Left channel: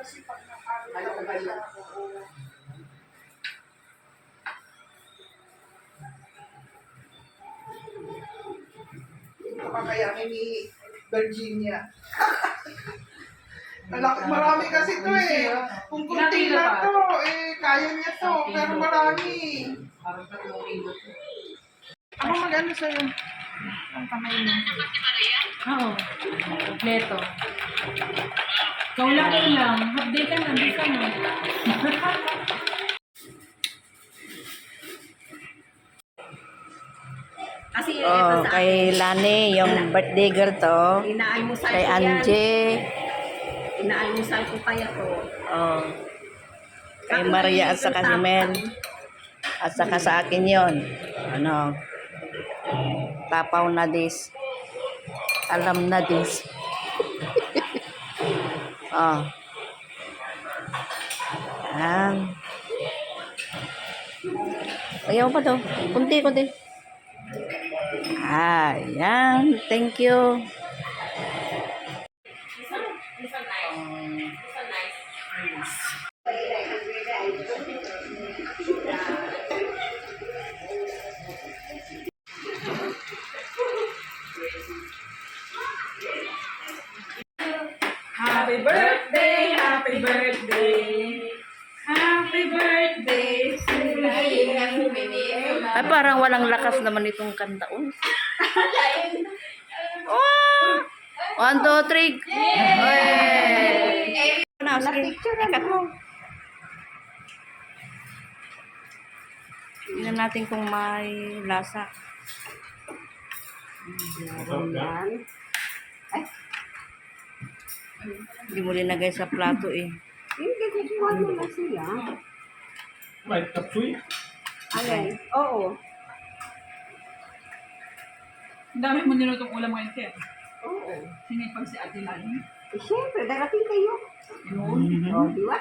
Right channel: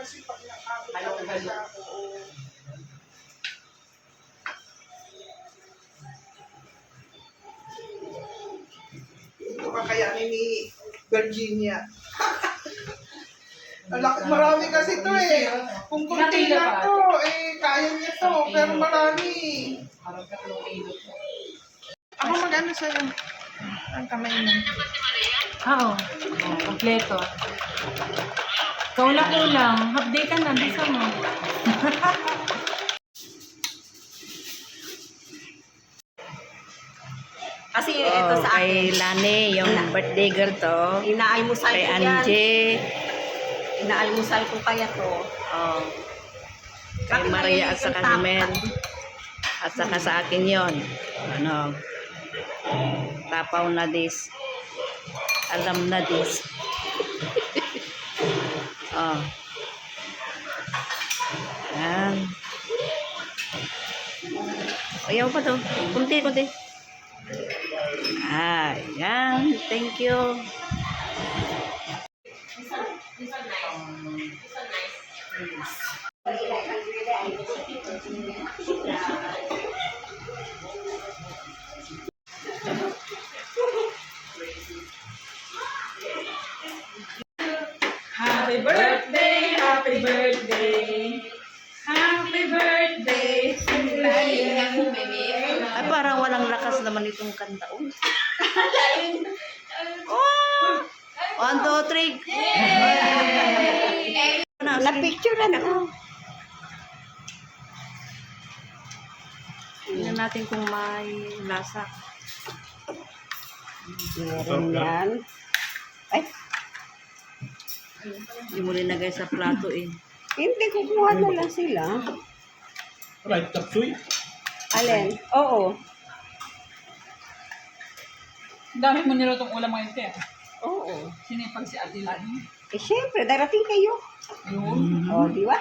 kasi pag nakakita siya, oo. Ito kakayanin ni Virginia. Marami kasi to eh. Kung kunti lang to, eh, kaya niya to. Pero marami. Parang 3 kilo to. Ako mag-ano sa'yo? Ang kamay mo. Oo. Kompleto. Kaulang-ulang. Update ka na. Bisa mo. Kasi ito sa Kay Lani, yung birthday girl to. inaalmusal Kay ko yan. Angie. Inaalmusal ko kaya to. Oh. Kay Maria at saka si Mel. At saka sa akin yon. Ano? Tapaw na dis. Alam na dis. Oh. Ayan. Ayaw pa to. Kunti, kunti. Ayan. Thank you. Happy birthday, happy birthday. Happy birthday. Ay, parang walang lakas naman itong kantaon. Oh! 1, 2, 3. Na-picturean ako. Tingnan natin kung may lasa. Meron yan. Ay, Hindi mo linagay sa plato eh. hindi, kukuha na lang sila. Right, tapsoy. Alin? Oo. Ang dami mo nilutong ulam ngayon, te. Oo. Sinipag si Ate Lani. Eh, syempre, darating kayo. Yun. Oh, di ba?